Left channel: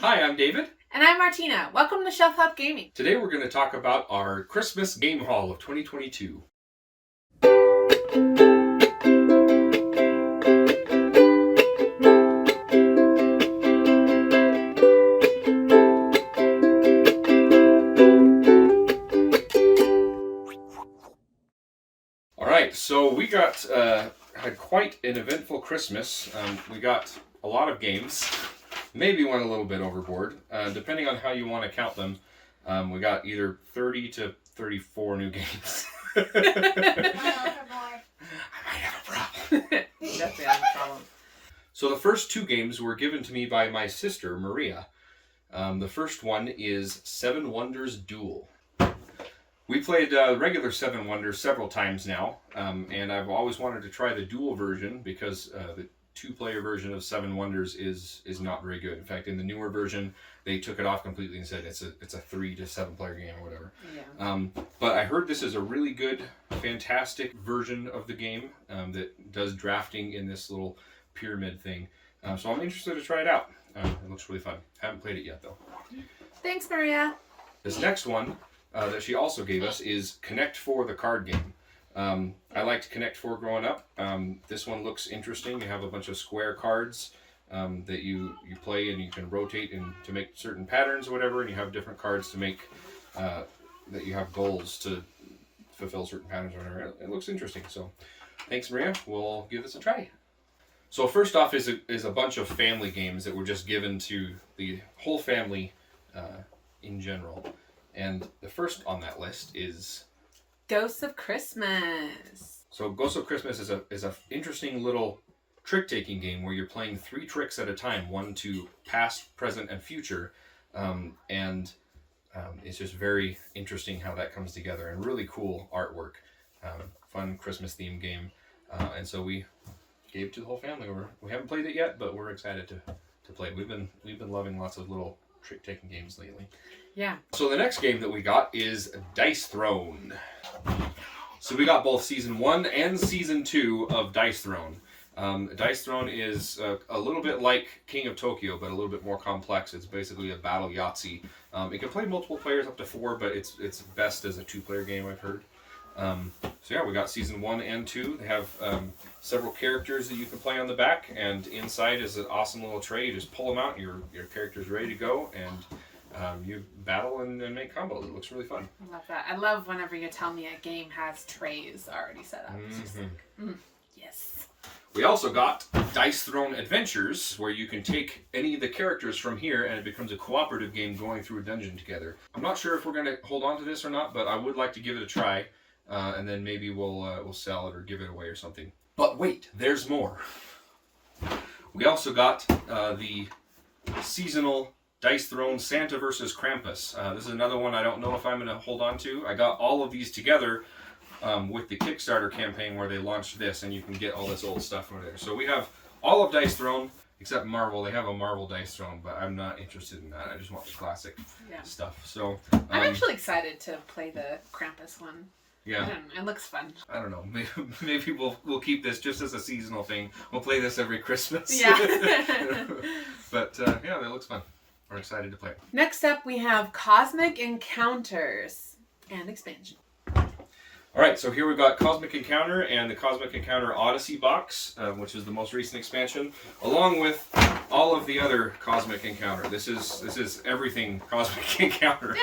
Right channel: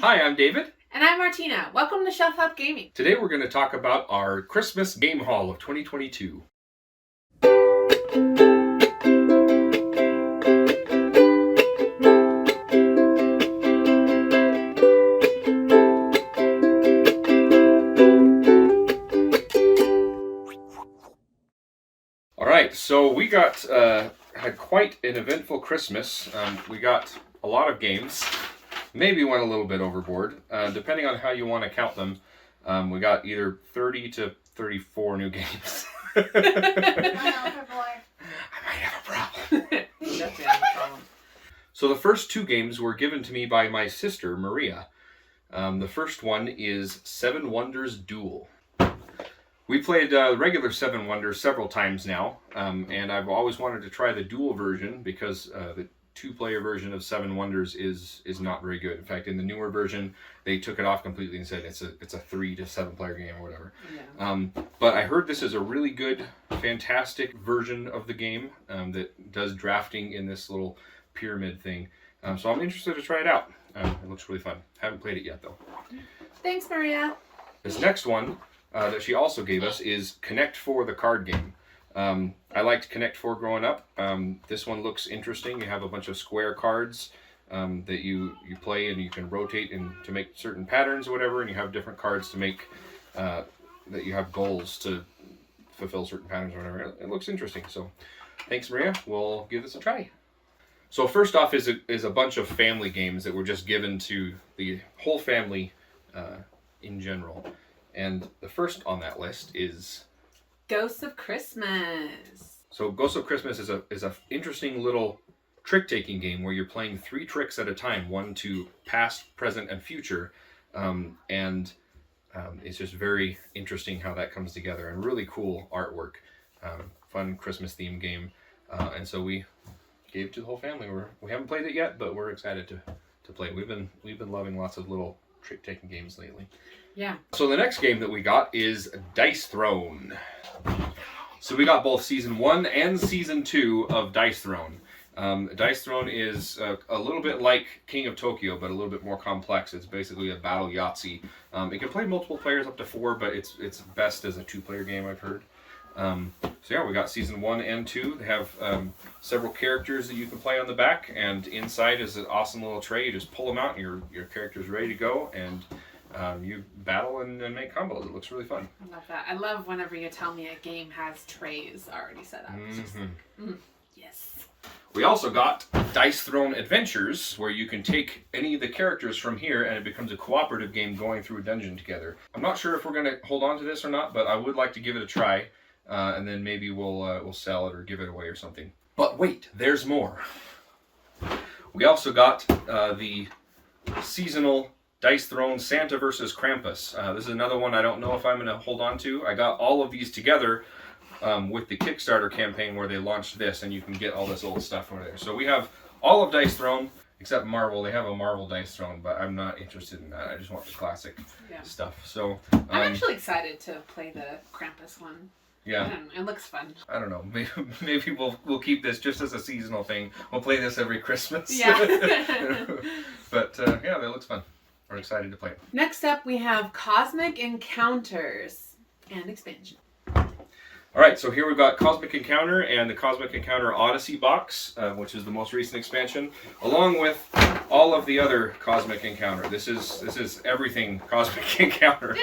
Hi, I'm David. And I'm Marteena. Welcome to Shelf Up Gaming. Today we're going to talk about our Christmas game haul of 2022. All right, so we had quite an eventful Christmas. We got a lot of games. Maybe went a little bit overboard, depending on how you want to count them. We got either 30 to 34 new games. I might have a problem. Definitely have a problem. So the first two games were given to me by my sister, Maria. The first one is Seven Wonders Duel. We played regular Seven Wonders several times now, and I've always wanted to try the dual version because the two-player version of Seven Wonders is not very good. In fact, in the newer version, they took it off completely and said it's a 3 to 7 player game or whatever. Yeah. But I heard this is a really good, fantastic version of the game that does drafting in this little pyramid thing. So I'm interested to try it out. It looks really fun. Haven't played it yet though. Thanks, Maria. This next one that she also gave us is Connect 4, the card game. I liked Connect 4 growing up. This one looks interesting. You have a bunch of square cards that you play, and you can rotate to make certain patterns or whatever, and you have different cards to make that you have goals to fulfill certain patterns or whatever. It looks interesting. So thanks, Maria. We'll give this a try. So first off is a bunch of family games that were just given to the whole family in general. And the first on that list is Ghosts of Christmas. So Ghosts of Christmas is a interesting little trick-taking game where you're playing 3 tricks at a time, one to past, present, and future. It's just very interesting how that comes together, and really cool artwork. Fun Christmas themed game. And so we gave it to the whole family. We haven't played it yet, but we're excited to play it. We've been loving lots of little trick-taking games lately. Yeah. So the next game that we got is Dice Throne. So we got both Season 1 and Season 2 of Dice Throne. Dice Throne is a little bit like King of Tokyo, but a little bit more complex. It's basically a battle Yahtzee. It can play multiple players up to 4, but it's best as a 2-player game, I've heard. So yeah, we got Season 1 and 2. They have several characters that you can play on the back, and inside is an awesome little tray. You just pull them out, and your character's ready to go, and you battle and make combos. It looks really fun. I love that. I love whenever you tell me a game has trays already set up. It's just like, yes. We also got Dice Throne Adventures, where you can take any of the characters from here and it becomes a cooperative game going through a dungeon together. I'm not sure if we're going to hold on to this or not, but I would like to give it a try, and then maybe we'll sell it or give it away or something. But wait, there's more. We also got the seasonal Dice Throne Santa vs. Krampus. This is another one I don't know if I'm going to hold on to. I got all of these together with the Kickstarter campaign where they launched this, and you can get all this old stuff over there. So we have all of Dice Throne, except Marvel. They have a Marvel Dice Throne, but I'm not interested in that. I just want the classic stuff. So I'm actually excited to play the Krampus one. Yeah, it looks fun. I don't know. Maybe we'll keep this just as a seasonal thing. We'll play this every Christmas. Yeah. But yeah, it looks fun. We're excited to play it. Next up, we have Cosmic Encounters and Expansion. All right, so here we've got Cosmic Encounter and the Cosmic Encounter Odyssey box, which is the most recent expansion, along with all of the other Cosmic Encounter. This is everything Cosmic Encounter.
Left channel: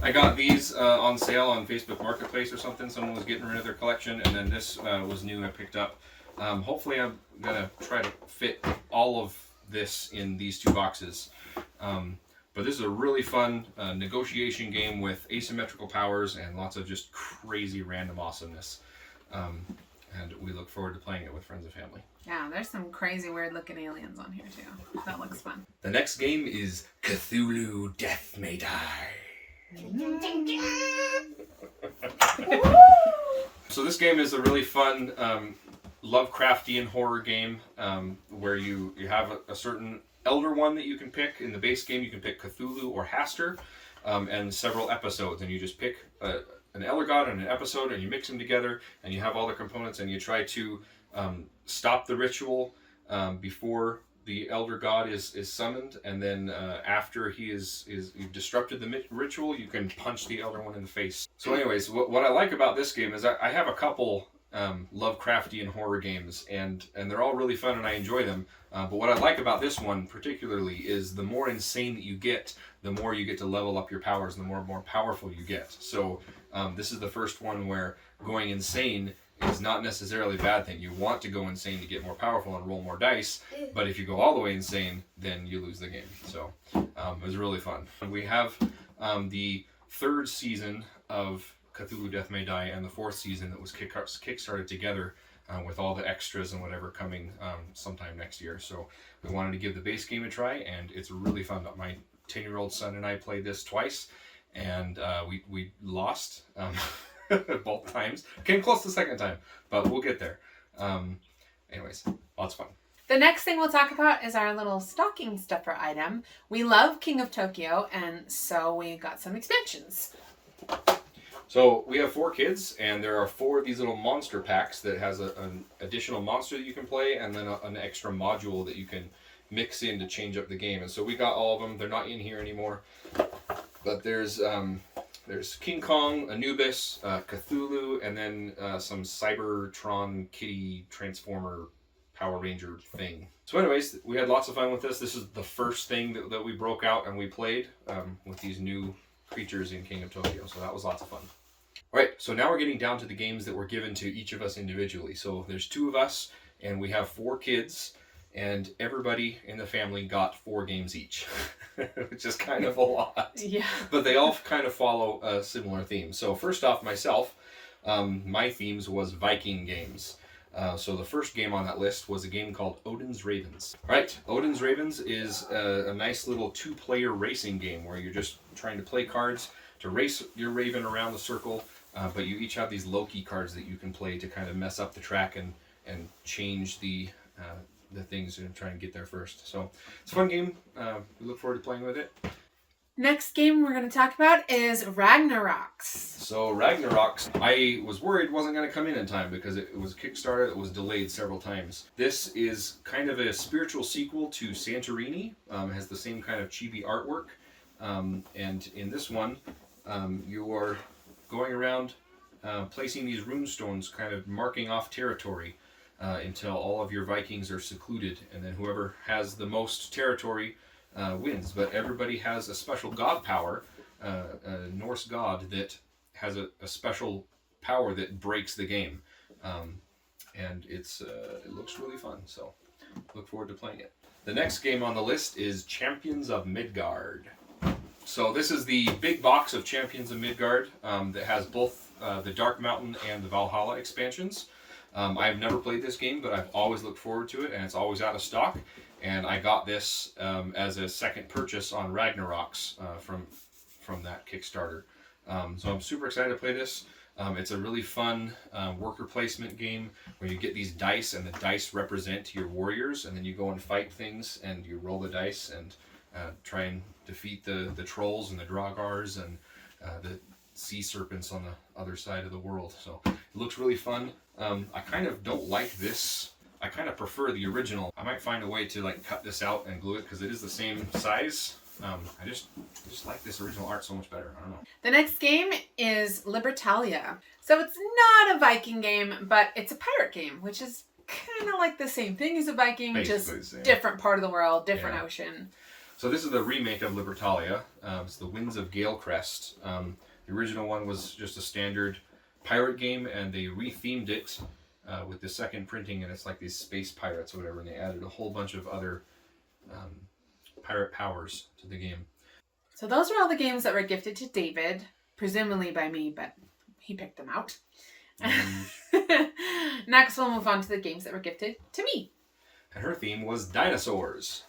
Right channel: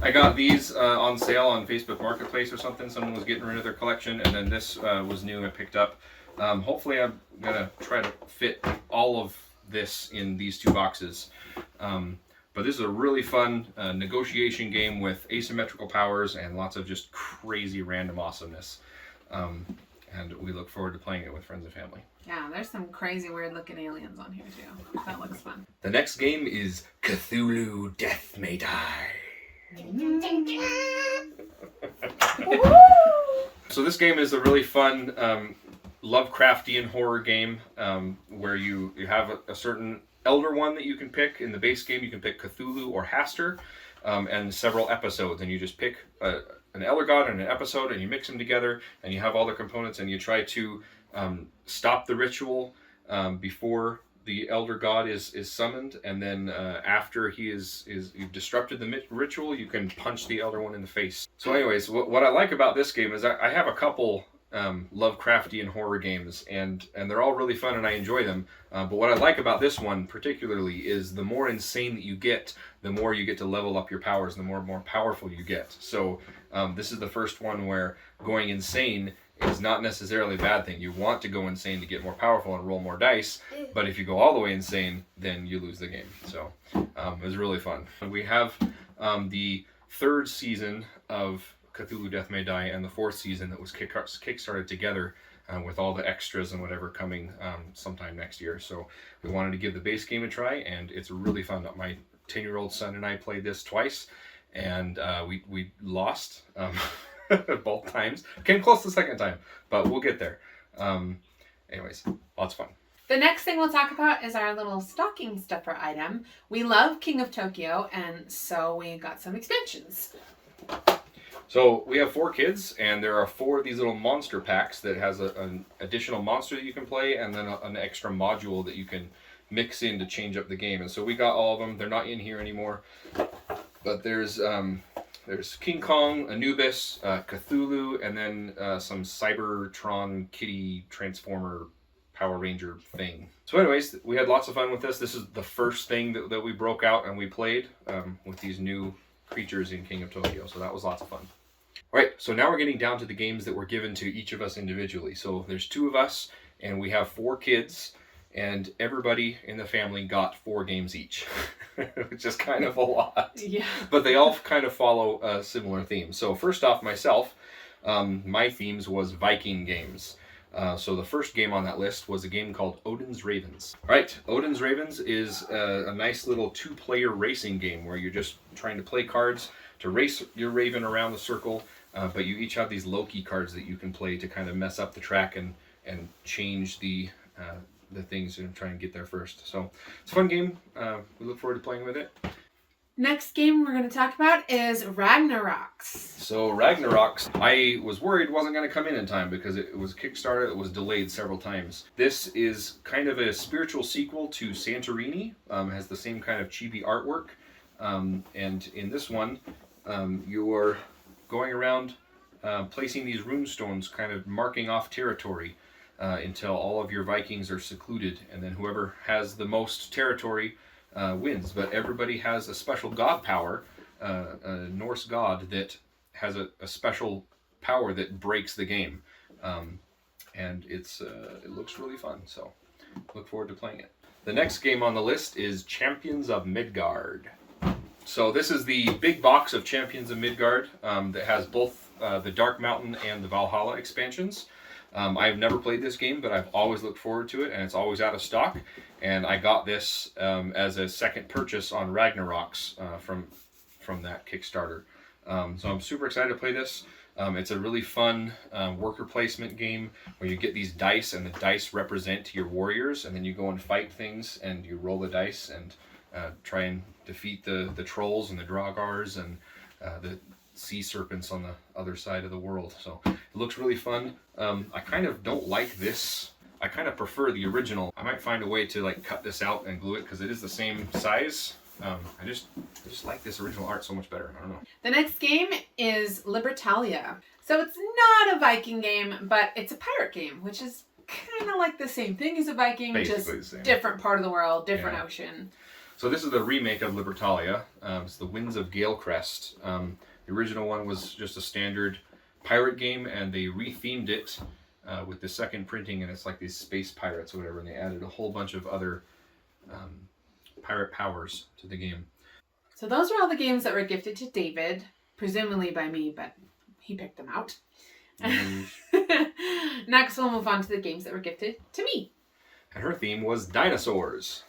I got these on sale on Facebook Marketplace or something. Someone was getting rid of their collection, and then this was new and picked up. Hopefully I'm going to try to fit all of this in these 2 boxes. But this is a really fun negotiation game with asymmetrical powers and lots of just crazy random awesomeness. And we look forward to playing it with friends and family. Yeah, there's some crazy weird looking aliens on here too. That looks fun. The next game is Cthulhu Death May Die. So this game is a really fun Lovecraftian horror game where you have a certain Elder one that you can pick. In the base game, you can pick Cthulhu or Hastur, and several episodes, and you just pick an Elder God and an episode, and you mix them together, and you have all the components, and you try to stop the ritual before the elder god is summoned, and then after you've disrupted the ritual, you can punch the elder one in the face. So anyways, what I like about this game is I have a couple Lovecraftian horror games, and they're all really fun and I enjoy them. But what I like about this one particularly is the more insane that you get, the more you get to level up your powers, and the more powerful you get. So this is the first one where going insane is not necessarily a bad thing. You want to go insane to get more powerful and roll more dice, but if you go all the way insane, then you lose the game. So it was really fun. We have the third season of Cthulhu Death May Die and the fourth season that was kickstarted together with all the extras and whatever coming sometime next year. So we wanted to give the base game a try, and it's really fun. My 10-year-old son and I played this twice, and we lost both times. Came close the second time, but we'll get there. Anyways, lots of fun. The next thing we'll talk about is our little stocking stuffer item. We love King of Tokyo, and so we got some expansions. So we have 4 kids, and there are 4 of these little monster packs that has an additional monster that you can play, and then an extra module that you can mix in to change up the game. And so we got all of them. They're not in here anymore, but there's King Kong, Anubis, Cthulhu, and then some Cybertron Kitty Transformer Power Ranger thing. So anyways, we had lots of fun with this. This is the first thing that we broke out and we played with these new creatures in King of Tokyo. So that was lots of fun. All right, so now we're getting down to the games that were given to each of us individually. So there's 2 of us, and we have 4 kids, and everybody in the family got 4 games each, which is kind of a lot. Yeah. But they all kind of follow a similar theme. So first off, myself, my themes was Viking games. So the first game on that list was a game called Odin's Ravens. All right, Odin's Ravens is a nice little 2-player racing game where you're just trying to play cards to race your raven around the circle, but you each have these Loki cards that you can play to kind of mess up the track and change the things and try and get there first. So it's a fun game. We look forward to playing with it. Next game we're going to talk about is Ragnaroks. So Ragnaroks, I was worried wasn't going to come in time because it was Kickstarter. It was delayed several times. This is kind of a spiritual sequel to Santorini. Has the same kind of chibi artwork. And in this one, you're going around placing these rune stones, kind of marking off territory until all of your Vikings are secluded. And then whoever has the most territory wins. But everybody has a special god power, a Norse god that has a special power that breaks the game. And it looks really fun, so look forward to playing it. The next game on the list is Champions of Midgard. So this is the big box of Champions of Midgard that has both the Dark Mountain and the Valhalla expansions. I have never played this game, but I've always looked forward to it, and it's always out of stock. And I got this as a second purchase on Ragnaroks from that Kickstarter. So I'm super excited to play this. It's a really fun worker placement game where you get these dice, and the dice represent your warriors, and then you go and fight things, and you roll the dice and try and defeat the trolls and the Draugars and the sea serpents on the other side of the world. So it looks really fun. I kind of don't like this. I kind of prefer the original. I might find a way to like cut this out and glue it because it is the same size. I just like this original art so much better. I don't know. The next game is Libertalia. So it's not a Viking game, but it's a pirate game, which is kind of like the same thing as a Viking, Basically just the same. Different part of the world, different ocean. So this is the remake of Libertalia. It's the Winds of Galecrest. The original one was just a standard pirate game, and they rethemed it with the second printing, and it's like these space pirates or whatever, and they added a whole bunch of other pirate powers to the game. So those are all the games that were gifted to David, presumably by me, but he picked them out. Next, we'll move on to the games that were gifted to me. And her theme was dinosaurs.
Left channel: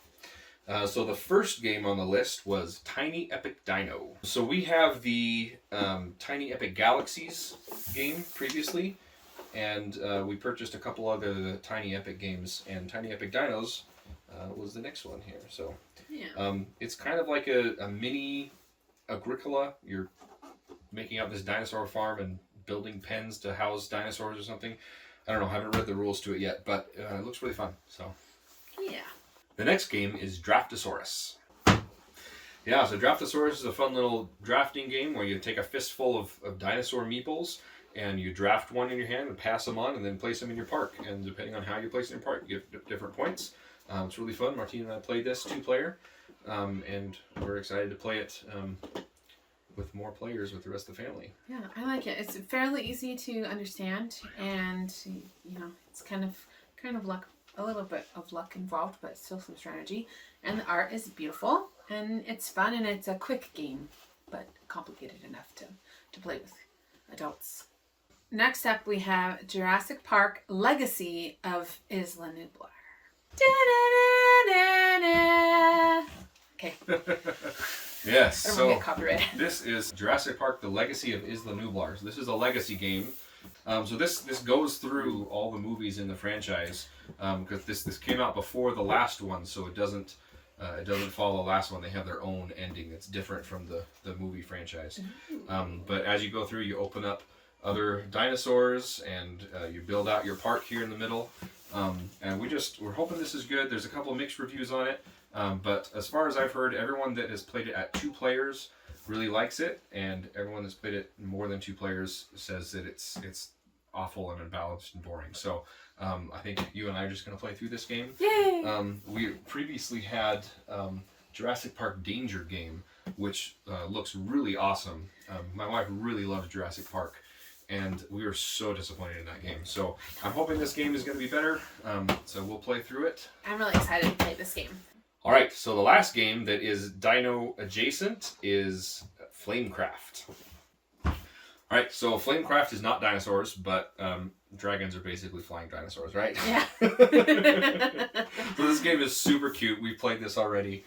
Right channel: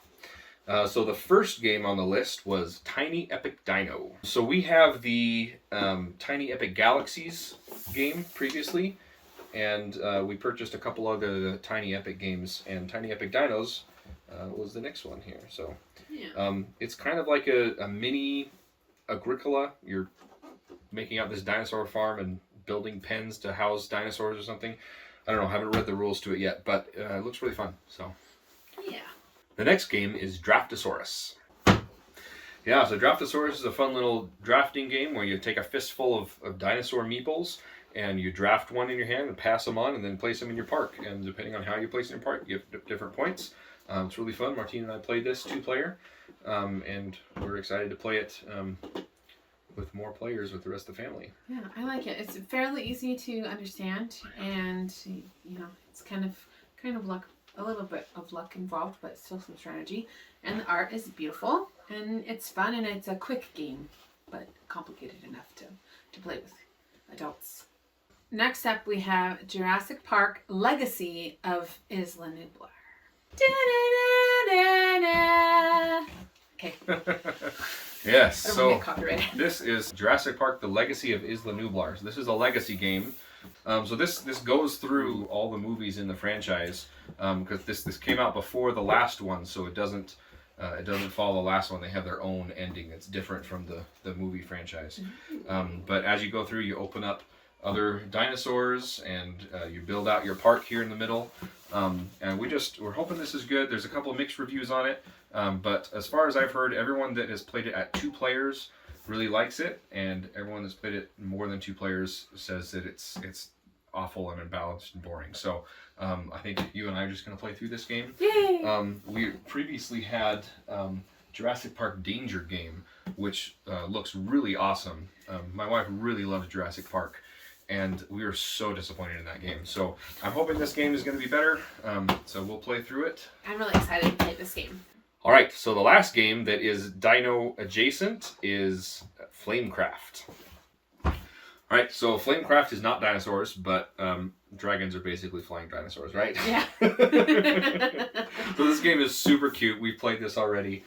So the first game on the list was Tiny Epic Dino. So we have the Tiny Epic Galaxies game previously, and we purchased a couple other Tiny Epic games, and Tiny Epic Dinos was the next one here. So it's kind of like a mini Agricola. You're making out this dinosaur farm and building pens to house dinosaurs or something. I don't know, I haven't read the rules to it yet, but it looks really fun. So yeah. The next game is Draftosaurus. Yeah, so Draftosaurus is a fun little drafting game where you take a fistful of dinosaur meeples and you draft one in your hand and pass them on and then place them in your park. And depending on how you place it in your park, you get different points. It's really fun. Marteena and I played this 2-player, and we're excited to play it with more players with the rest of the family. Yeah, I like it. It's fairly easy to understand, and it's kind of luck, a little bit of luck involved, but still some strategy. And the art is beautiful, and it's fun, and it's a quick game, but complicated enough to play with adults. Next up, we have Jurassic Park Legacy of Isla Nublar. Okay. Yes, so this is Jurassic Park The Legacy of Isla Nublar. So this is a legacy game. So this goes through all the movies in the franchise, because this came out before the last one, so it doesn't follow the last one. They have their own ending that's different from the movie franchise. But as you go through, you open up other dinosaurs and you build out your park here in the middle. And we're hoping this is good. There's a couple of mixed reviews on it, but as far as I've heard, everyone that has played it at 2 players really likes it, and everyone that's played it more than 2 players says that it's awful and unbalanced and boring. So I think you and I are just going to play through this game. Yay! We previously had Jurassic Park Danger Game, which looks really awesome. My wife really loves Jurassic Park, and we were so disappointed in that game. So I'm hoping this game is going to be better. So we'll play through it. I'm really excited to play this game. All right, so the last game that is Dino adjacent is Flamecraft. All right, so Flamecraft is not dinosaurs, but dragons are basically flying dinosaurs, right? Yeah. So this game is super cute. We've played this already.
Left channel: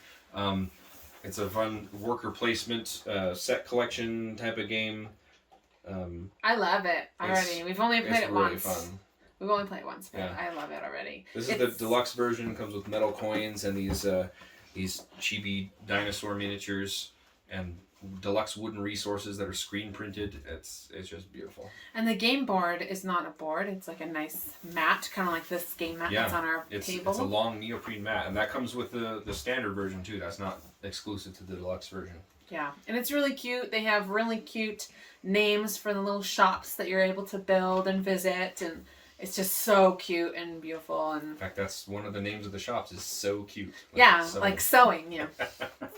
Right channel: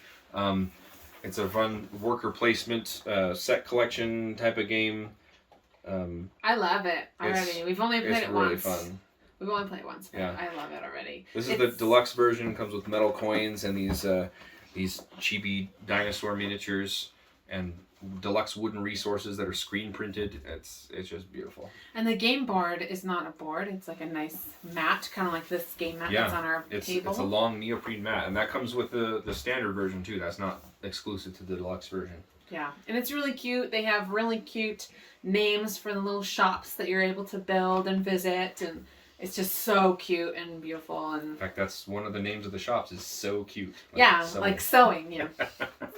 It's a fun worker placement set collection type of game. I love it already. We've only played it once. It's really fun. We've only played it once, but Yeah. I love it already. This is the deluxe version. Comes with metal coins and these chibi dinosaur miniatures and deluxe wooden resources that are screen printed. It's just beautiful. And the game board is not a board. It's like a nice mat, kind of like this game mat that's on our table. It's a long neoprene mat, and that comes with the standard version too. That's not exclusive to the deluxe version. Yeah, and it's really cute. They have really cute names for the little shops that you're able to build and visit, and it's just so cute and beautiful. And in fact, that's one of the names of the shops is So Cute. Like sewing,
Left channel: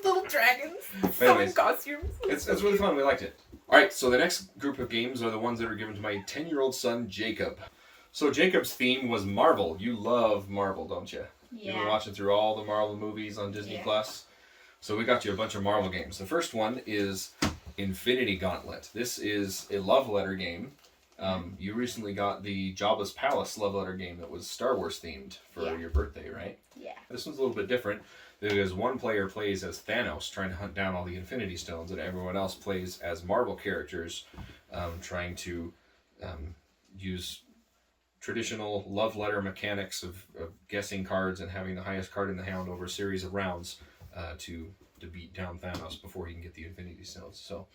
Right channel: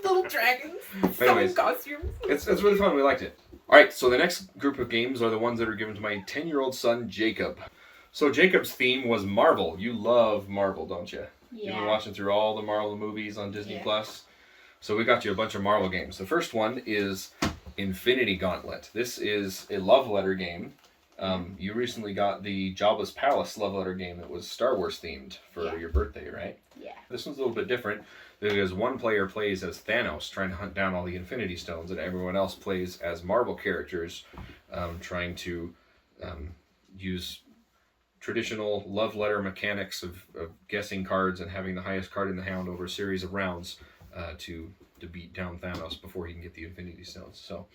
little dragons, sewing costumes. It's really fun. We liked it. All right, so the next group of games are the ones that are given to my 10-year-old son, Jacob. So Jacob's theme was Marvel. You love Marvel, don't you? Yeah. You've been watching through all the Marvel movies on Disney Plus. So we got you a bunch of Marvel games. The first one is Infinity Gauntlet. This is a love letter game. You recently got the Jabba's Palace love letter game that was Star Wars themed for your birthday, right? Yeah. This one's a little bit different because one player plays as Thanos trying to hunt down all the Infinity Stones, and everyone else plays as Marvel characters trying to use traditional love letter mechanics of guessing cards and having the highest card in the hand over a series of rounds to beat down Thanos before he can get the Infinity Stones. So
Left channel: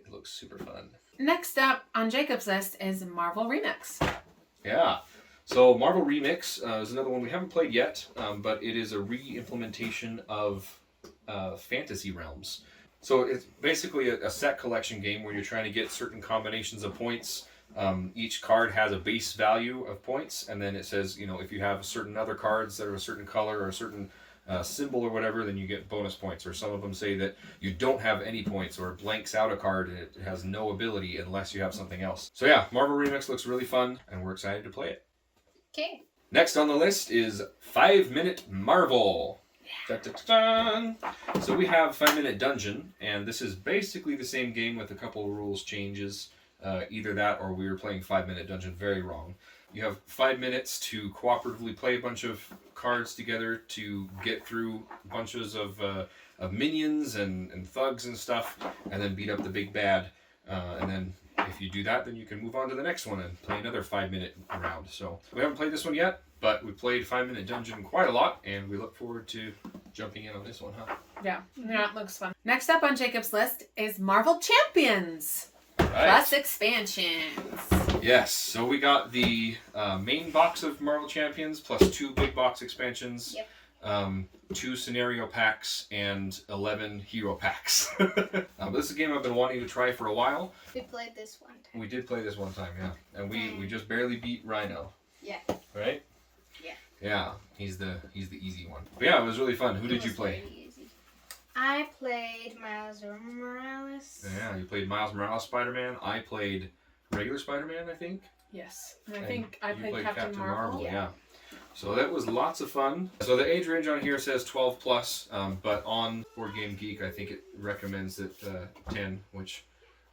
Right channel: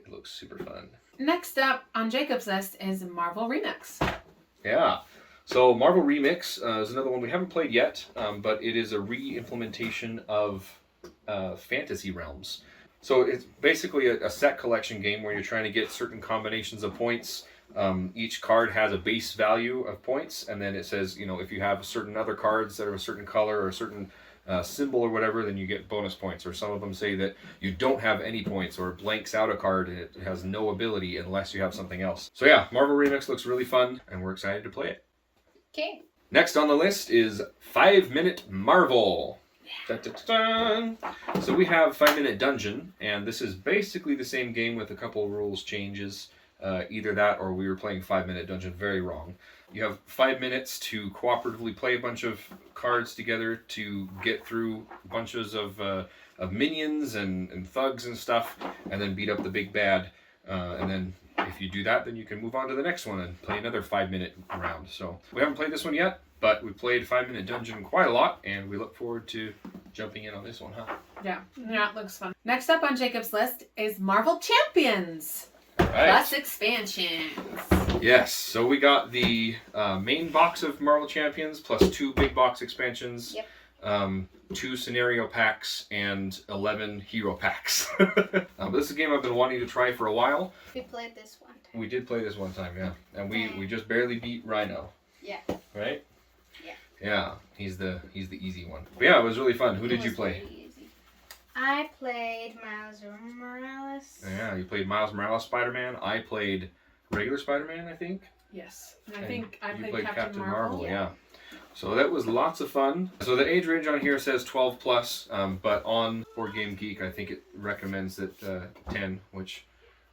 it looks super fun. Next up on Jacob's list is Marvel Remix. Yeah. So Marvel Remix is another one we haven't played yet, but it is a re-implementation of Fantasy Realms. So it's basically a set collection game where you're trying to get certain combinations of points. Each card has a base value of points, and then it says, if you have certain other cards that are a certain color or a certain symbol or whatever, then you get bonus points. Or some of them say that you don't have any points or blanks out a card and it has no ability unless you have something else. So yeah, Marvel Remix looks really fun and we're excited to play it. Okay. Next on the list is 5 Minute Marvel. Dun, dun, dun, dun. So we have 5 Minute Dungeon, and this is basically the same game with a couple rules changes. Either that or we were playing 5 Minute Dungeon very wrong. You have 5 minutes to cooperatively play a bunch of cards together to get through bunches of minions and thugs and stuff, and then beat up the big bad. And then if you do that, then you can move on to the next one and play another 5 minute round. So we haven't played this one yet, but we played 5 Minute Dungeon quite a lot, and we look forward to jumping in on this one, huh? Yeah, it looks fun. Next up on Jacob's list is Marvel Champions. Right. Plus expansions. Yes, so we got the main box of Marvel Champions plus 2 big box expansions. Yep. 2 scenario packs, and 11 hero packs. But this is a game I've been wanting to try for a while. We played this one time. We did play this one time, yeah. And we just barely beat Rhino. Yeah. Right? Yeah. Yeah, he's the easy one. But yeah, it was really fun. Who did you play? Really easy. I played Miles Morales. Yeah, you played Miles Morales Spider-Man. I played regular Spider-Man, I think. Yes. And I think I you played Captain Marvel. yeah. So that was lots of fun. So the age range on here says 12 plus, but on Board Game Geek, I think it recommends that 10, which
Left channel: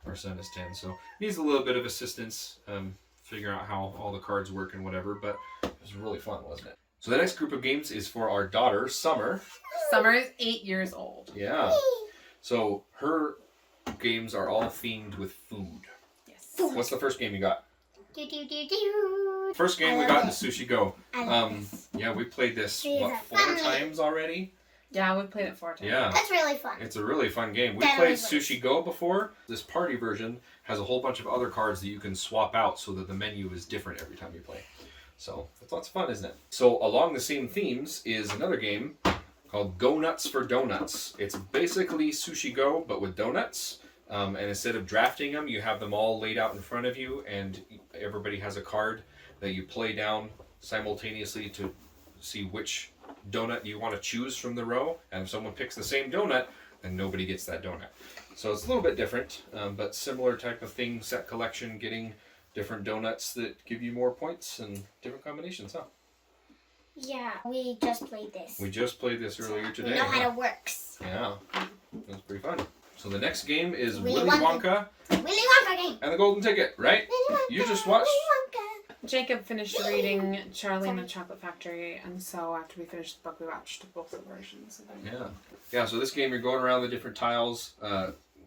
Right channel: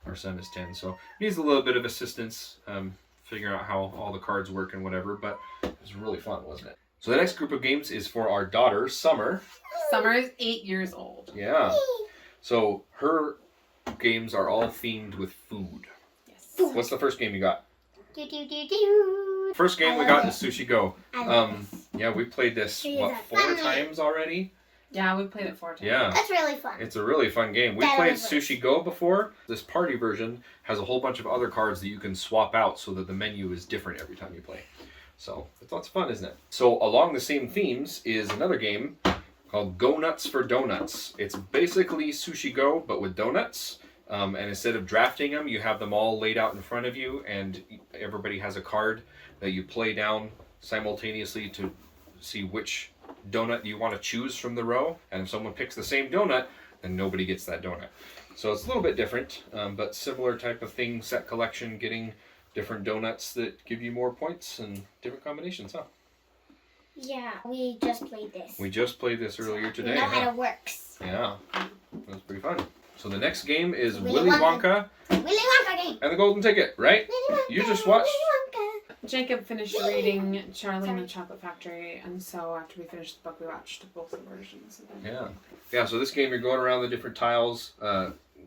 our son is 10. So needs a little bit of assistance figuring out how all the cards work and whatever, but it was really fun, wasn't it? So the next group of games is for our daughter, Summer. Summer is 8 years old. Yeah. So her games are all themed with food. Yes. What's the first game you got? Do, do, do, do. First game I we love got it. is Sushi Go. I love this. Yeah, we played this, These what, are 4 fun. times already? Yeah, we played it 4 times. Yeah. That's really fun. It's a really fun game. We That played was Sushi Go before. This party version has a whole bunch of other cards that you can swap out so that the menu is different every time you play. So it's lots of fun, isn't it? So along the same themes is another game called Go Nuts for Donuts. It's basically Sushi Go, but with donuts. And instead of drafting them, you have them all laid out in front of you, and everybody has a card that you play down simultaneously to see which donut you want to choose from the row. And if someone picks the same donut, then nobody gets that donut. So it's a little bit different, but similar type of thing, set collection, getting different donuts that give you more points and different combinations, huh? Yeah, we just played this. We just played this earlier today. We know how huh? it works. Yeah, that was pretty fun. So the next game is Willy Willy Wonka. Wonka Willy Wonka game. and the Golden Ticket, right? Willy Wonka. You just watched- Willy Wonka. Jacob finished reading Charlie and the Chocolate Factory, and so after we finished the book, we watched both the versions. Yeah. Yeah, so this game you're going around the different tiles,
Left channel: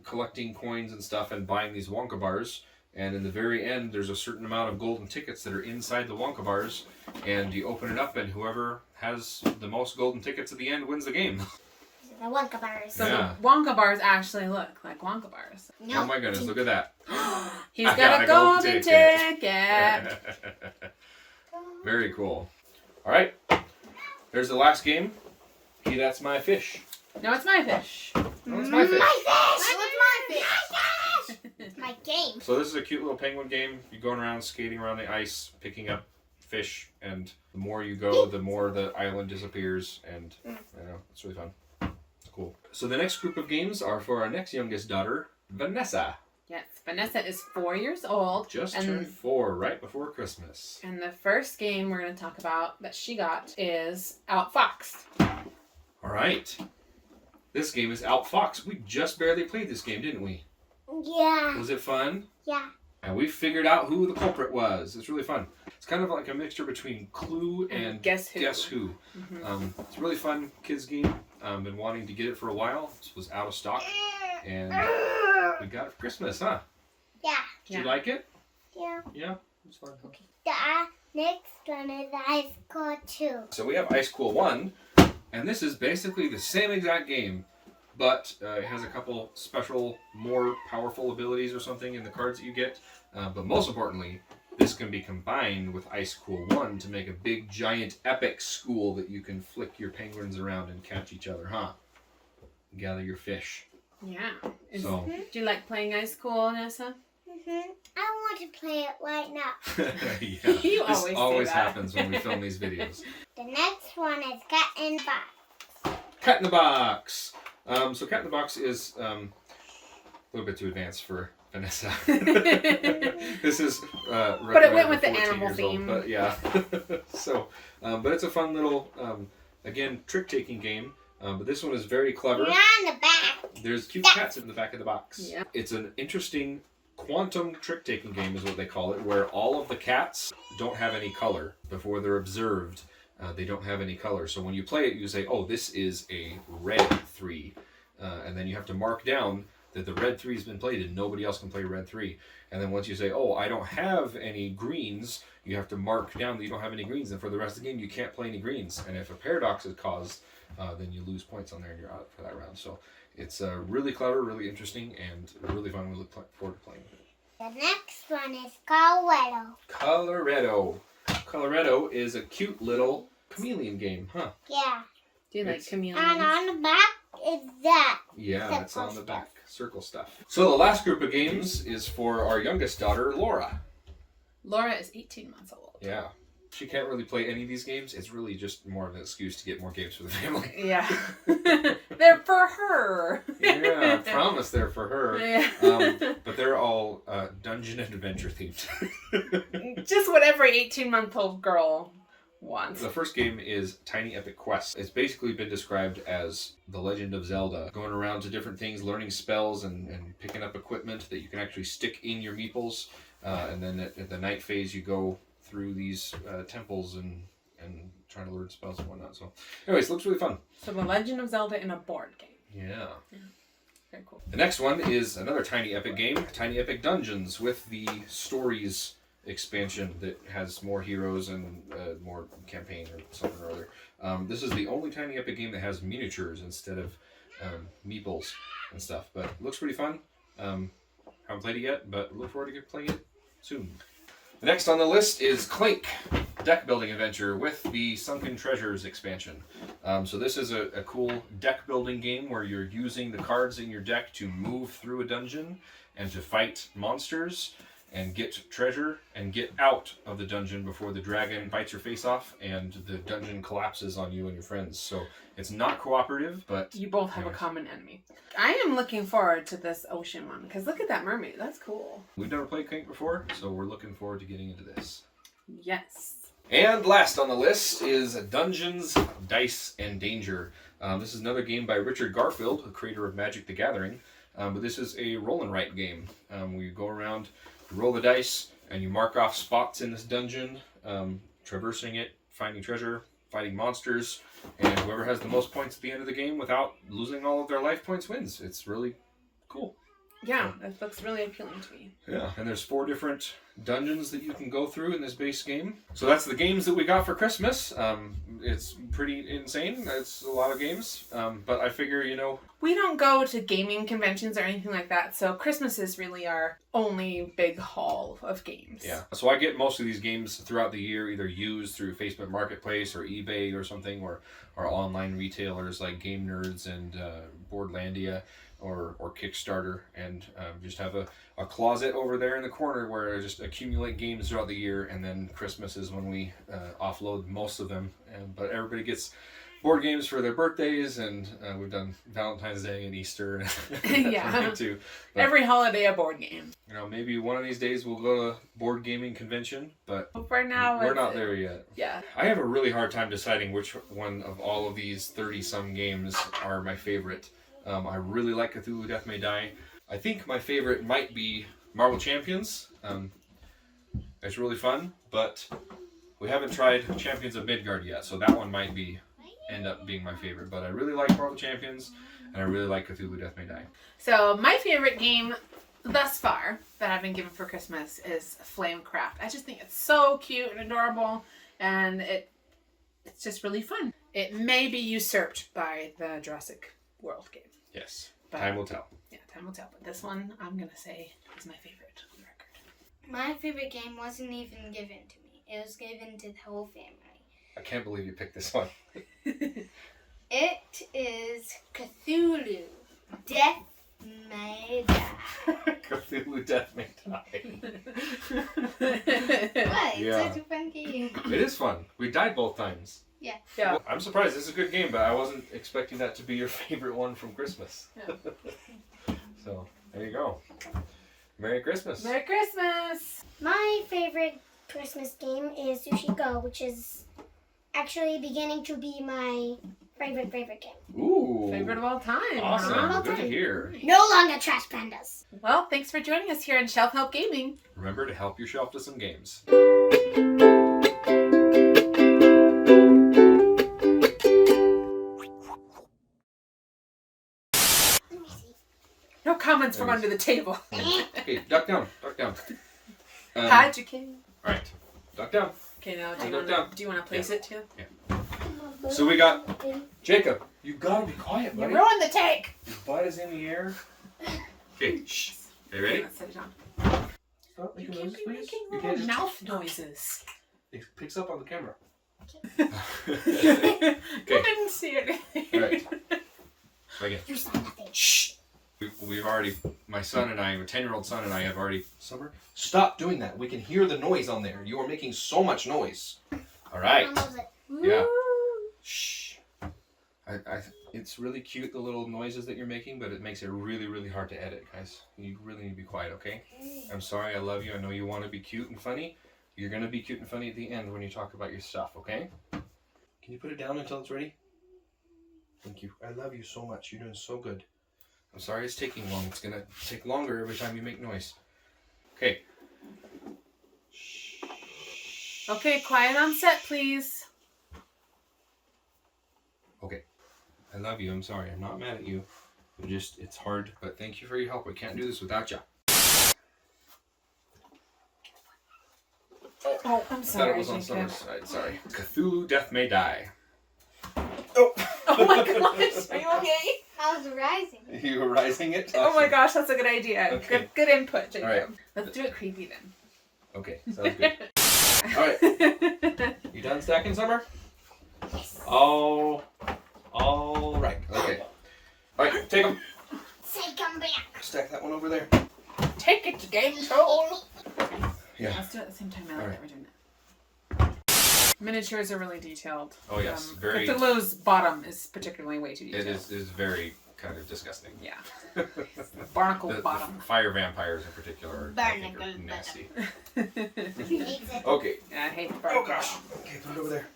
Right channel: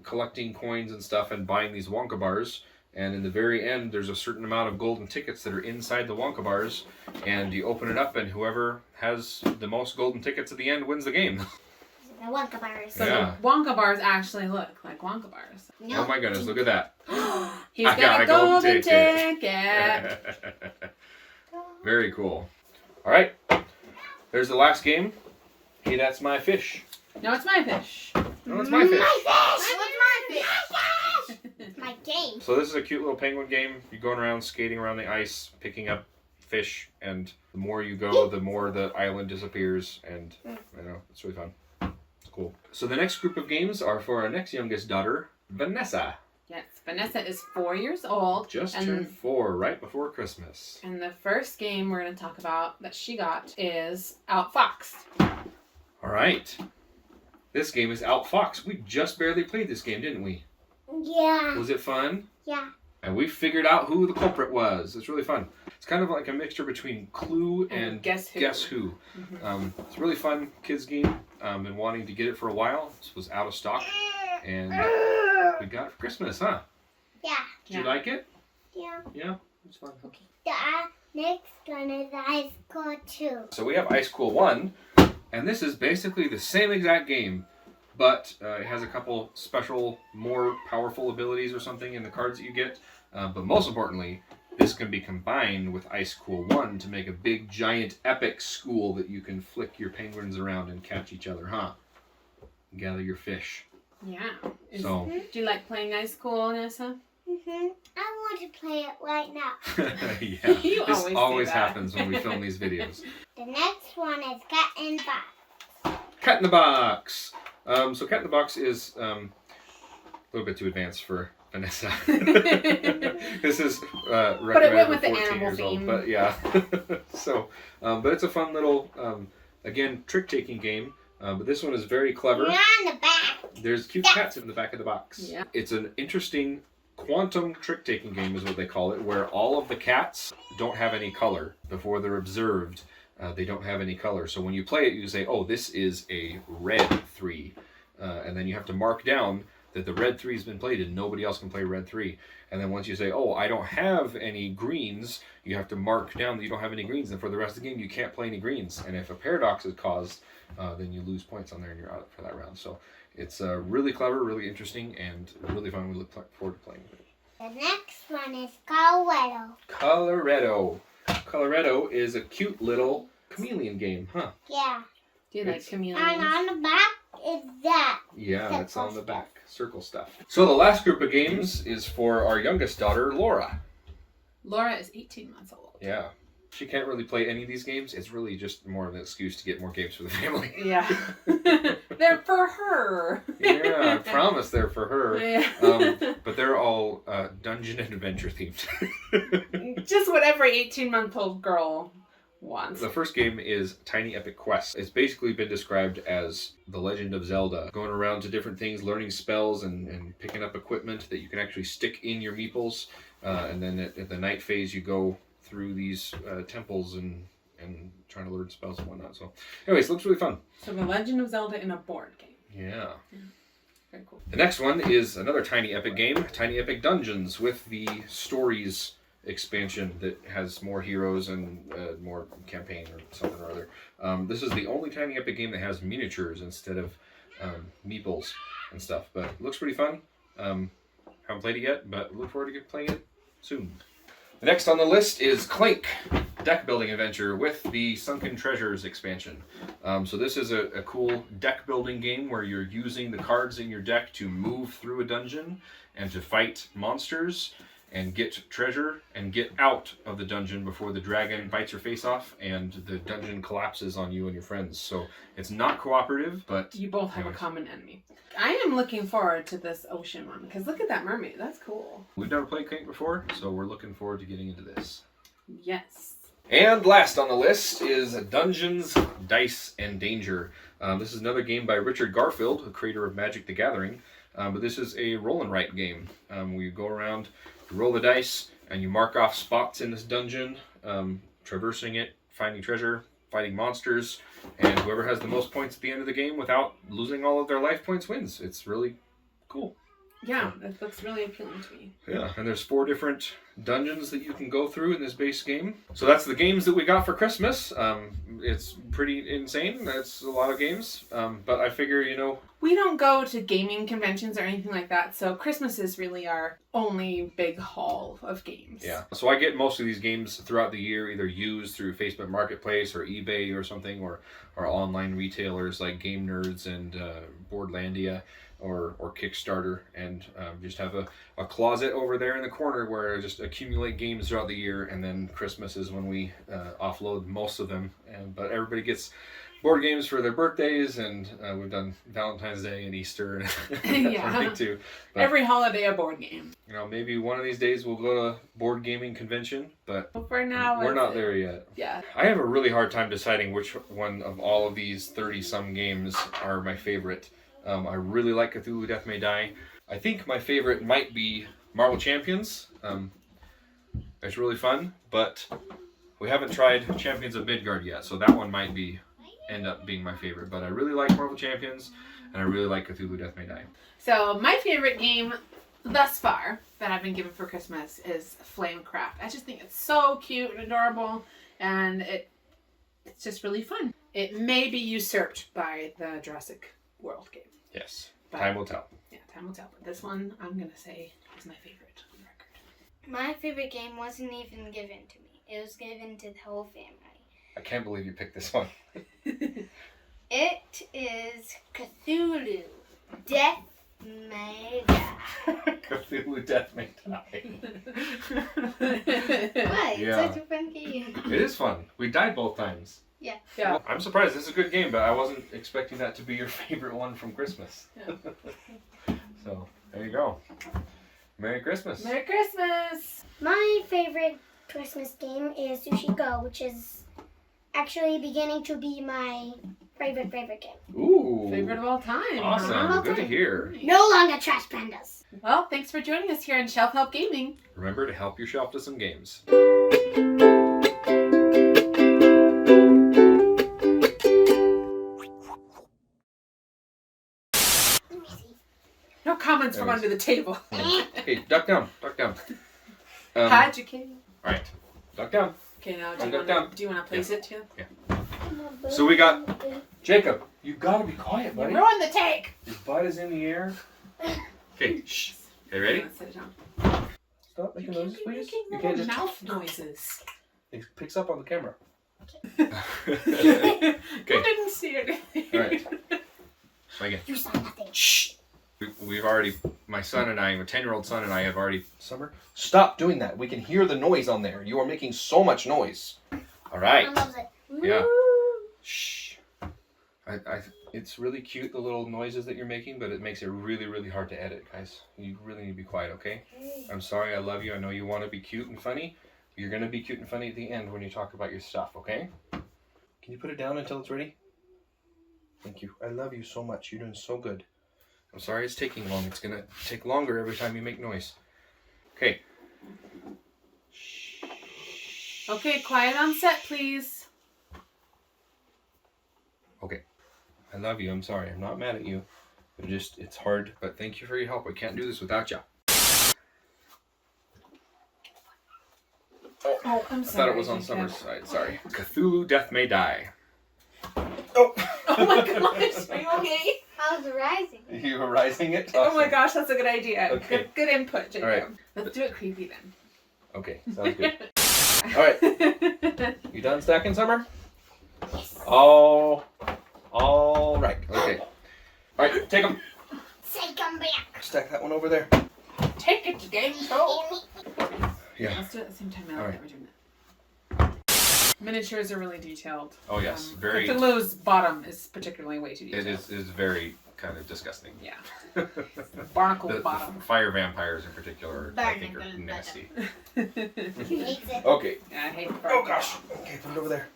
collecting coins and stuff and buying these Wonka bars. And in the very end, there's a certain amount of golden tickets that are inside the Wonka bars. And you open it up, and whoever has the most golden tickets at the end wins the game. The Wonka bars. So Yeah. the Wonka bars actually look like Wonka bars. Oh my goodness, look at that. He's I got a golden ticket. Very cool. All right, there's the last game. Hey, that's my fish. No, it's my fish. No, it's my fish. My fish! My fish! It's my game. So this is a cute little penguin game. You're going around, skating around the ice, picking up fish, and the more you go, the more the island disappears, and you know, it's really fun. It's cool. So the next group of games are for our next youngest daughter, Vanessa. Yes, Vanessa is 4 years old. Just and, turned 4 right before Christmas. And the first game we're going to talk about that she got is Outfox. All right. This game is Outfox. We just barely played this game, didn't we? Yeah. Was it fun? Yeah. And we figured out who the culprit was. It's really fun. It's kind of like a mixture between Clue and Guess Who. Guess Who. Mm-hmm. It's a really fun kids game. Been wanting to get it for a while. This was out of stock, and we got it for Christmas, huh? Yeah. Did you like it? Yeah. Yeah, it was fun. The next one is Ice Cold 2. So we have Ice Cool 1, and this is basically the same exact game, but it has a couple special, more powerful abilities or something in the cards that you get. But most importantly, this can be combined with Ice Cool 1 to make a big, giant, epic school that you can flick your penguins around and catch each other, huh? Gather your fish. Yeah. So, Do you like playing Ice Cool, Vanessa? I want to play it right now. yeah, You this always say always that. happens when we film these videos. The next one is Cat in Box. Cat in the Box. So Cat in the Box is a little bit too advanced for Vanessa. This is recommended But it went with for the 14 animal years old, theme. but yeah. So, but it's a fun little, again, trick-taking game. But this one is very clever. You're on the back. There's cute cats in the back of the box. Yeah. It's an interesting quantum trick-taking game is what they call it, where all of the cats don't have any color before they're observed. They don't have any color. So when you play it, you say, oh, this is a red 3. And then you have to mark down that the red 3 has been played and nobody else can play red 3. And then once you say, oh, I don't have any greens, you have to mark down that you don't have any greens. And for the rest of the game, you can't play any greens. And if a paradox is caused, then you lose points on there and you're out for that round. So it's really clever, really interesting, and really fun. We look forward to playing with it. The next one is Colorado. Coloretto. Coloretto is a cute little chameleon game, huh? Yeah. Do you like It's- chameleons? And on the back is that. Yeah, it's on the Circle back. Circle stuff. So the last group of games is for our youngest daughter, Lora. Lora is 18 months old. Yeah. She can't really play any of these games. It's really just more of an excuse to get more games for the family. Yeah. They're for her. Yeah, I promise they're for her. Yeah. But they're all dungeon and adventure themed. Just what every 18-month-old girl wants. The first game is Tiny Epic Quest. It's basically been described as The Legend of Zelda, going around to different things, learning spells, and picking up equipment that you can actually stick in your meeples. And then at the night phase, you go through these temples and trying to learn spells and whatnot. So, anyways, looks really fun. So The Legend of Zelda in a board game. Yeah. Very cool. The next one is another Tiny Epic game, Tiny Epic Dungeons, with the Stories expansion that has more heroes and more campaign or something or other. This is the only Tiny Epic game that has miniatures instead of meeples and stuff, but it looks pretty fun. Haven't played it yet, but look forward to playing it soon. The next on the list is Clank, deck building adventure with the Sunken Treasures expansion. So this is a cool deck building game where you're using the cards in your deck to move through a dungeon and to fight monsters and get treasure and get out of the dungeon before the dragon bites your face off and the dungeon collapses on you and your friends. So it's not cooperative, but You both have a common enemy. I am looking forward to this ocean one, because look at that mermaid. That's cool. we've never played Clank before, so we're looking forward to getting into this. Yes. And last on the list is Dungeons, Dice, and Danger. This is another game by Richard Garfield, the creator of Magic the Gathering. But this is a roll and write game. We go around, you roll the dice, and you mark off spots in this dungeon, traversing it, finding treasure, fighting monsters, and whoever has the most points at the end of the game without losing all of their life points wins. It's really cool. Yeah, that looks really appealing to me. Yeah, and there's 4 different dungeons that you can go through in this base game. So that's the games that we got for Christmas. It's pretty insane. That's a lot of games. But I figure, We don't go to gaming conventions or anything like that, so Christmas is really our only big haul of games. yeah. So I get most of these games throughout the year, either used through Facebook Marketplace or eBay or something, or online retailers like Game Nerds and Boardlandia. Or Kickstarter, and just have a closet over there in the corner where I just accumulate games throughout the year, and then Christmas is when we offload most of them. But everybody gets board games for their birthdays, and we've done Valentine's Day and Easter and Yeah. too. But, Every holiday a board game. maybe one of these days we'll go to a board gaming convention, but But for now, we're not there yet. Yeah. I have a really hard time deciding which one of all of these 30-some games are my favorite. I really like Cthulhu Death May Die. I think my favorite might be Marvel Champions. It's really fun, but we haven't tried Champions of Midgard yet, so that one might end up being my favorite. But I really like Marvel Champions, and I really like Cthulhu Death May Die. So my favorite game thus far that I've been given for Christmas is Flamecraft. I just think it's so cute and adorable, and it's just really fun. It may be usurped by the Jurassic World game. Yes, But- time will tell. Yeah, time will tell. But this one, I'm going to say, is my favorite on record. My favorite game wasn't even given to me. It was given to the whole family. I can't believe you picked this one. It is Cthulhu Death May Die. Cthulhu Death May Die. What? Yeah. It's such a fun game. It is fun. We died both times. Yeah. Yeah. Well, I'm surprised. This is a good game, but I wasn't expecting that to be your favorite one from Christmas. Yeah. So, there you go. Merry Christmas. Merry Christmas! My favorite Christmas game is Sushi Go, which is actually beginning to be my favorite game. Ooh. Favorite of all time. Awesome. Huh? Good to hear. No longer Trash Pandas. Well, thanks for joining us here on Shelf Help Gaming. Remember to help yourself to some games. No comments from under the table. Okay, duck down. Duck down. Hide your kid. Alright. Duck down. Okay, now Duck down. do you want to place it too? So we got Jacob. You gotta be quiet, buddy. You ruined the take. His butt is in the air. Okay, shh. Okay, ready? Let's set it down. Stop You making can't noises, be please. making You little can't just... mouth noises. It picks up on the camera. Okay. You didn't see anything. All right. Try again. You saw nothing. Shh. We've already, my son and I, my 10-year-old son and I have already. Summer, stop doing that. We can hear the noise on there. You are making so much noise. All right. I love it. Yeah. Shh. It's really cute, the little noises that you're making, but it makes it really, really hard to edit, guys. You really need to be quiet, okay? I'm sorry, I love you. I know you want to be cute and funny. You're going to be cute and funny at the end when you talk about your stuff, okay? Can you put it down until it's ready? Thank you. I love you so much. You're doing so good. I'm sorry it's taking long. It's going to take longer every time you make noise. Okay. Okay, quiet on set, please. Okay. I love you. I'm sorry. I'm not mad at you. It's hard, but thank you for your help. I can't do this without you. Oh, I'm I sorry. thought it was on Summer's side. Sorry. Cthulhu Death May Die. Oh. Oh my gosh, are you okay? How's the rising? You were rising it? Oh my gosh, that's a good idea. Okay. Good input, Jacob. All right. Let's do it creepy then. Okay, sounds good. All right. You done stacking, Summer? Yes. All right. Okay. All right, take them. Say come back. Stack that one over there. Take it to game show. Yeah. Let's do it at the same time. I like All that we're doing it. Miniatures are really detailed. Oh yes, very. Cthulhu's bottom is particularly way too detailed. It is very kind of disgusting. Yeah. Barnacle The bottom. fire vampires in particular, I think, are Barnacle nasty. Exit. Okay. Yeah, I hate Oh barnacle gosh. bottom. Okay, put it over there.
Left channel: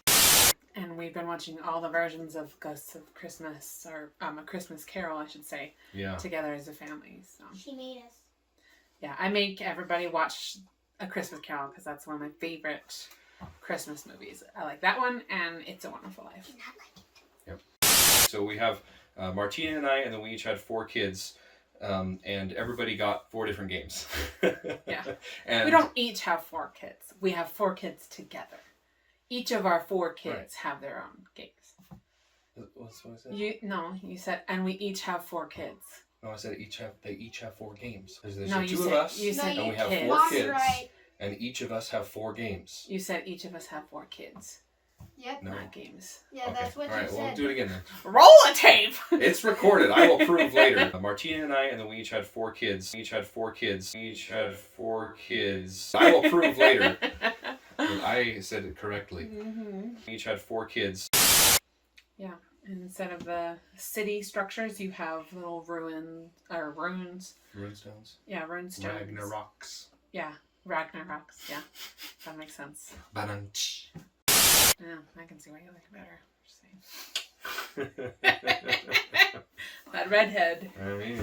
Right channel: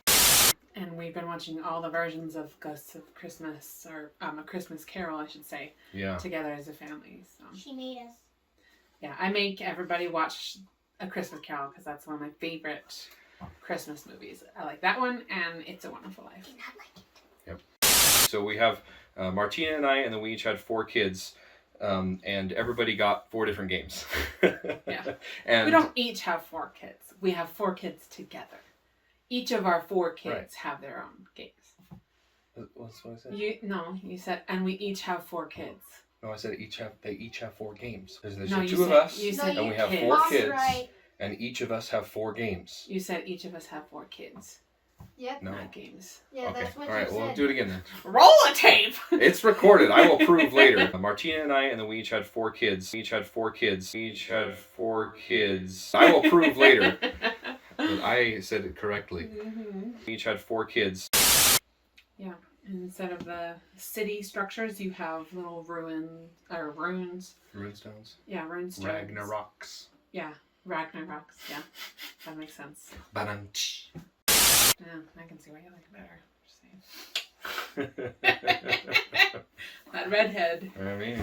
And we've been watching all the versions of Ghosts of Christmas, or A Christmas Carol, I should say, Yeah. together as a family. So She made us. yeah, I make everybody watch A Christmas Carol because that's one of my favorite Christmas movies. I like that one, and It's a Wonderful Life. Yep. So we have Marteena and I, and then we each had 4 kids, and everybody got 4 different games. Yeah. And We don't each have 4 kids. We have 4 kids together. Each of our 4 kids Right. have their own games. What's what I said? You said, and we each have 4 kids. No, I said they each have 4 games. There's No, the you 2 of said- us, you said and we have kids. 4 Mom's kids, right. and each of us have 4 games. You said each of us have 4 kids, Yep. No. not games. Yeah, Okay. that's what All right. you Well, said. do it again then. Roll a tape. It's recorded. I will prove later. Marteena and I, and then we each had 4 kids. Each had 4 kids. Each had 4 kids. I will prove later that I said it correctly. Mm-hmm. Each had 4 kids. Yeah. Instead of the city structures, you have little runes. Runestones. Yeah, rune stones. Ragnaroks. Yeah, Ragnaroks. Yeah, that makes sense. Bananch. Yeah, I can see why you like it better. Just saying. That redhead I mean,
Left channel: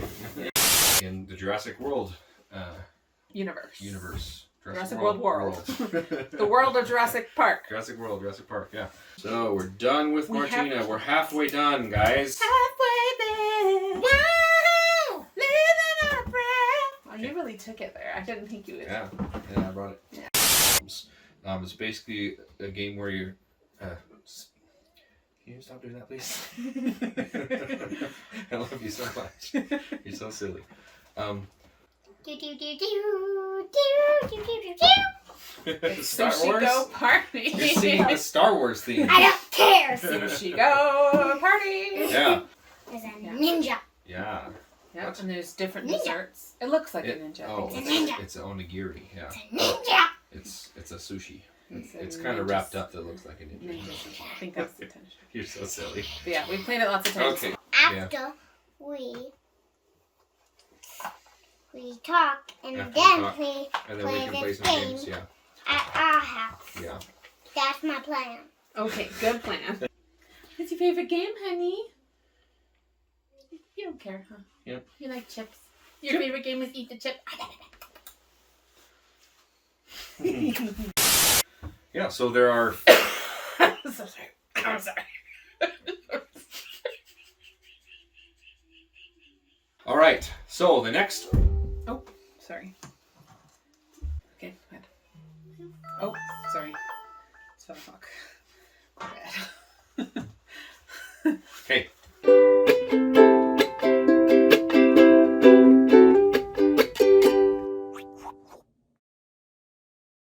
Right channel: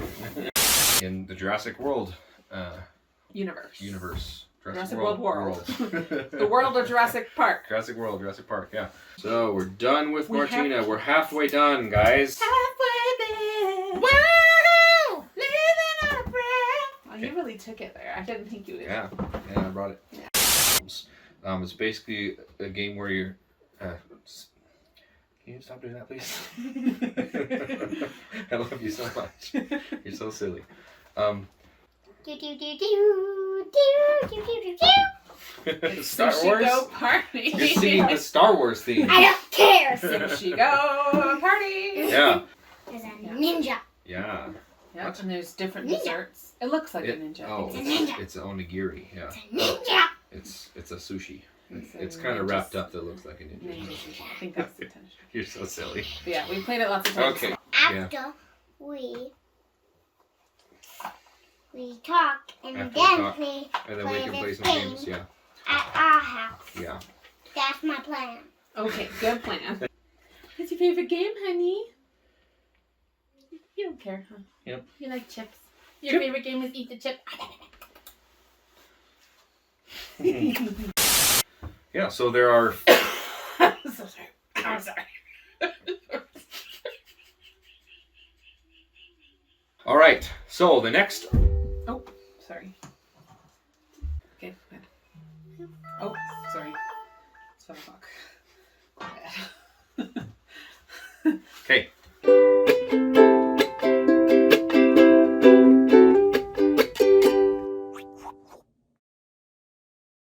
in the Jurassic World universe. Jurassic World world. The world of Jurassic Park. Jurassic Park, yeah. So we're done with We Marteena. have- We're halfway done, guys. Halfway there. Wow! Living our breath. Oh, you really took it there. I didn't think you would. Yeah, I brought it. It's basically a game where you're. Can you stop doing that, please? I love you so much. You're so silly. Do do do do do do do do. Star Sushi Wars. Go Party. You're singing the Star Wars theme. I don't care. Sushi Go Party. Yeah. There's a ninja. Yeah. Yep, What? and there's different Ninja. desserts. It looks like a It- ninja. Oh, It's a ninja. it's an onigiri. Yeah. Ninja. It's a sushi. a It's kind of ninja- wrapped up that looks like a ninja. ninja sushi. I think that's the intention. You're so silly. But yeah, we played it lots of times. Okay. After we talk and After we then talk. we And then we can play some thing games. Yeah. at our house. Yeah. That's my plan. Okay, good plan. What's your favorite game, honey? You don't care, huh? Yep. You like chips. Your Chip. favorite game is eat the chip. Yeah. So there are. I'm so sorry. I'm sorry. All right. So the next. Oh, sorry. Okay, good. Oh, sorry. It's 5 o'clock. My bad. Okay.